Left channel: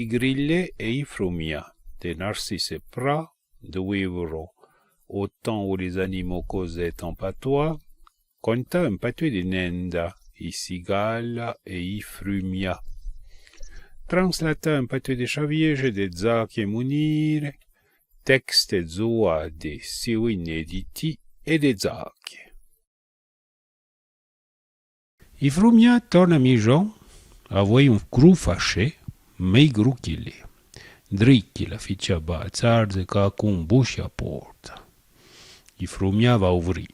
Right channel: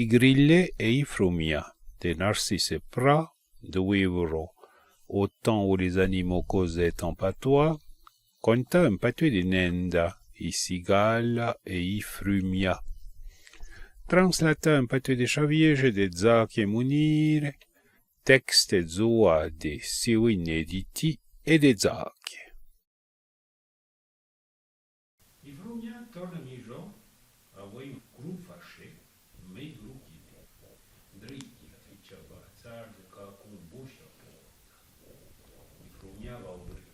I grillets et i frumia, des narcisses pras, €2, au temps où les animaux causaient en patois, conta un patois de nenda, i cigala et i frumia. Translata un patois de chaviege de Zac e Munire, texte zoa de siu inediti e de Zac. I frumia torna mijon, avoi un cru fâché, mei gru qu'il est. Dricchi la ficcia bazzarze ca cum bușa porta. I frumia va uvri.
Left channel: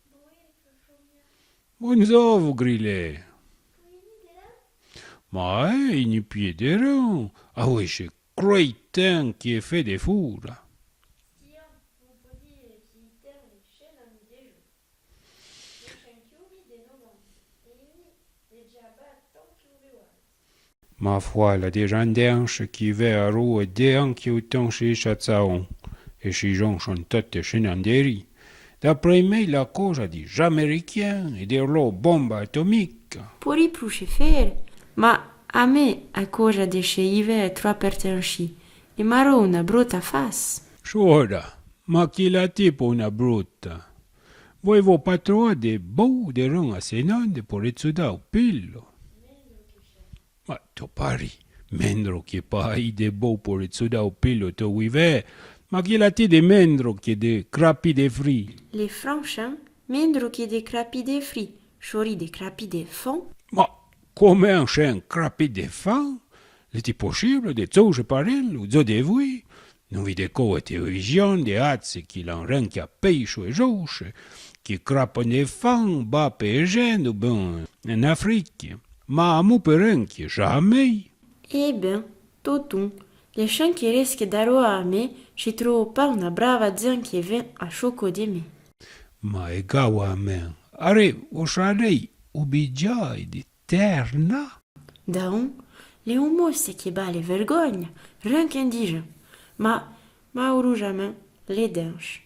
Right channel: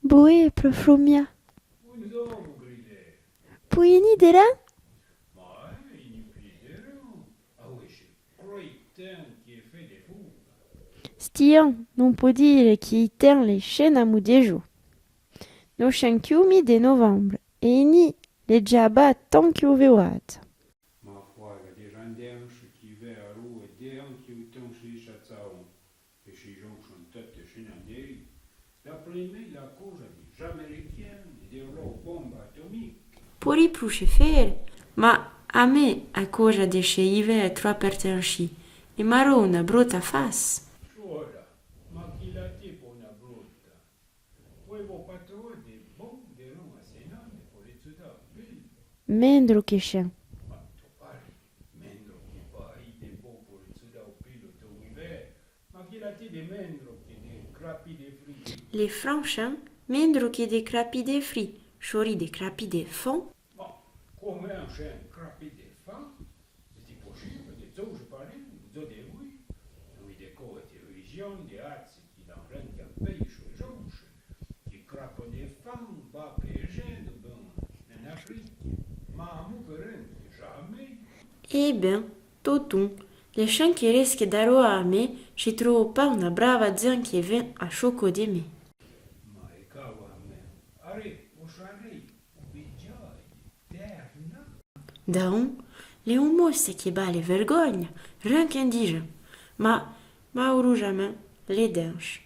Boe, frumia. Bonzovu, grile. Puini de là? Ma ni piederão. Avoi che croitin qui est fait de fura. Stian, non può dire chi ten le scene a mudejo. No chiumi de novembre, e ni le giaba tant che uveat. Ma foi, la de jandenche qui ve a rue de anche autant chez Chatsaon. Et chez Jean chantate chenanderi. D'après me, la cosa di Jaméricain et de loro bomba atomique. Puri pruše fer, ma a me a cosa de sceive è troppo pertenci, e maro una brutta face. Sciora, ma chi la tipo una brutta? Voi vo patroa de bou de ron a senande por etsuda o pillo. Mendro che chen. Ma to pari, mendro che pai de bou por etsuda o pillo to vive, ma chi la ti de mendro che de crapi de fri. Les franchins, mendro che de crapi de fri, chori de crapi de fond. Ma come un chien crapi de fan? L'est-il possible de zouge parel ou zo de vui? Non vide co a television de azze qui l'enranchia peixo e jouche, qui crapon de fan ba pe gen ou ben en Afrique. Ma amu perenchi, jamais. Eh ben, totum, les chiens qui risquent d'aroa a me, ci trovo pas una brava zan che ven a choco de me. Ma e gawa a men, are o sharei ubigiai di terna? Daon, le umosse che ba le vergogna, rien qu'indigent. Ma urujaman, les denches.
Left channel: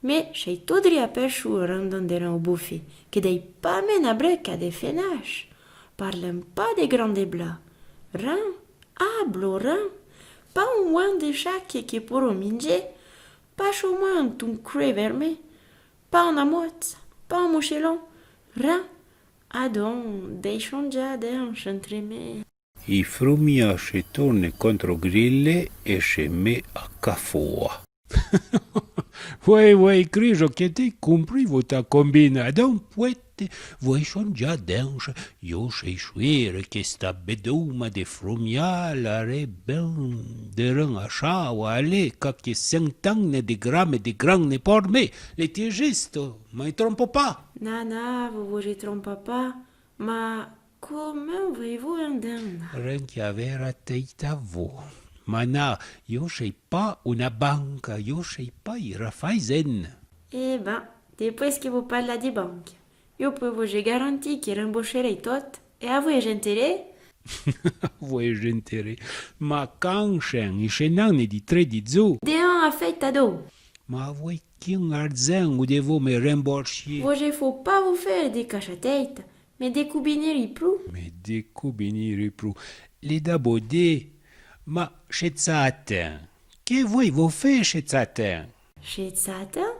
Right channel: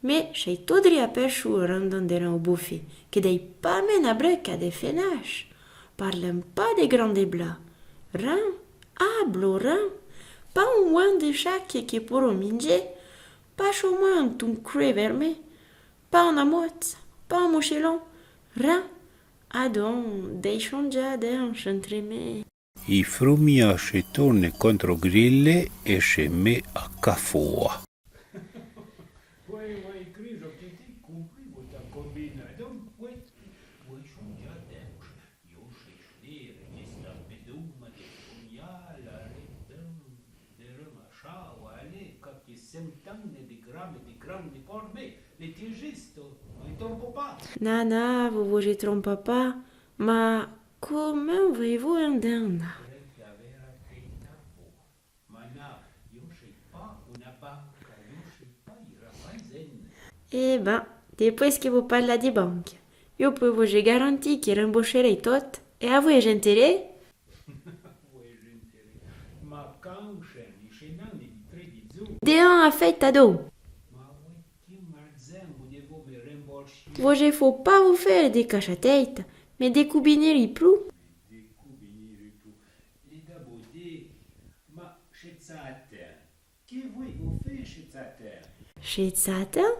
Mais chez todri a perchu randanderan au bouffé, que dei pas men a breca de fenache. Parlem pas de grande blas. Ran, ablo ran. Pas un oin de chaque qui pour minge. Pas chaumoin ton cré vermé. Pas en amotte, pas en mochelon. Ran. Adon, deixon ja denche entre me. I frumia se torne contro grille e se me a cafoa. Voi, crijo che te compri vota combina, don puette, voi son già denche, io sei suere che sta beduma de frumia la re ben, de ren a shawa ale, ca che centanne de gramme de granne por me, le tie gesto, ma i trompo pas. Nana, vous je trompe pas, ma comment voulez-vous un den? Ren che avera teita vo. Ma na, io sei pas una banca, io sei pas i Raiffeisen. Eh ben, depois que vous parlez de banque, eu peux vous garantir que rembourserei tot, et à vous gentere? Voi gentere, ma canchen i scenanni di 3 di zu. De un a fait ado. Ma voi chi un arzen o devo me remborsi? Vous je faut pas vous faire des cachatettes, mais des coubineri plus. Me decubiniri pru. Le da bode, ma scezzate. Che voi vo fe scezzate? Chez Satan?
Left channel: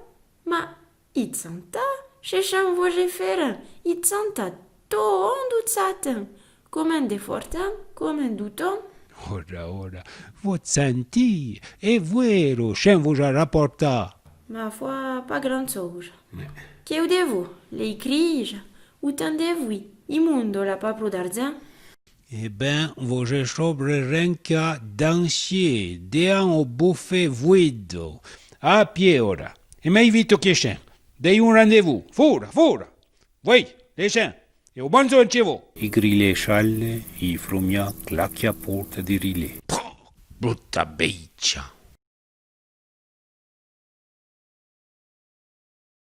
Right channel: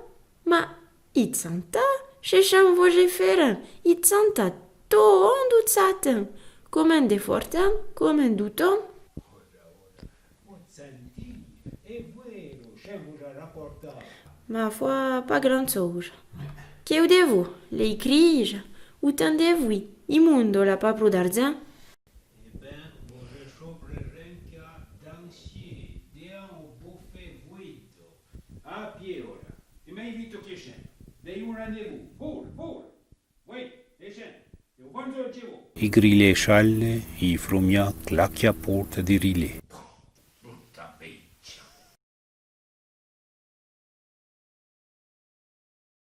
Ma, it santa? Chez Cham vous je faire, it santa to on du Satan. Comme de fortin, comme douton. Ora, vot senti, è vero, scem vo già rapporta. Ma foi, pas grand chose. Que de vous, les criges, ou tendez-vous, immundo la papro d'argent? Eh ben, vo je sobre renca dansier, dean o buffe vuido. A pie ora. E mai vito che scem. Dei un rendezvous. Fora. Voi, le scem. E o bonzo il cevo. I grille scialle, i frumia clacchia porta di rile. Brutta beccia.